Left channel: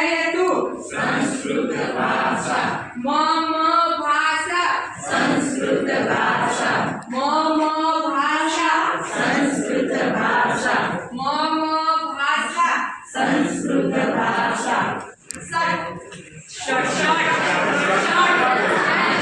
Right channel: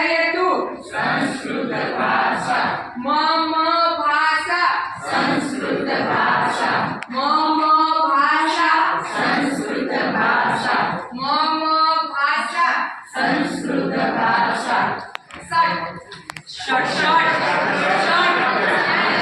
जयतु संस्कृत भाषा मम भाषा संस्कृत भाषा मम भाषा संस्कृत भाषा मम भाषा संस्कृत भाषा शॉर्ट संस्कृत भाषा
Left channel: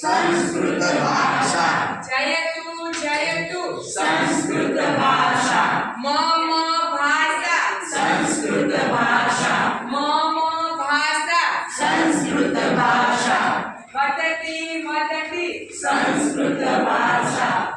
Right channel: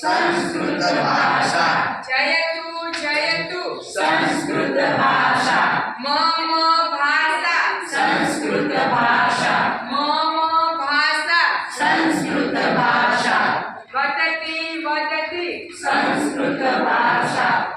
संस्कृत भाषा जयतु जयतु संस्कृत भाषा मम भाषा संस्कृत भाषा मम भाषा संस्कृत भाषा वदति वदति संस्कृत भाषा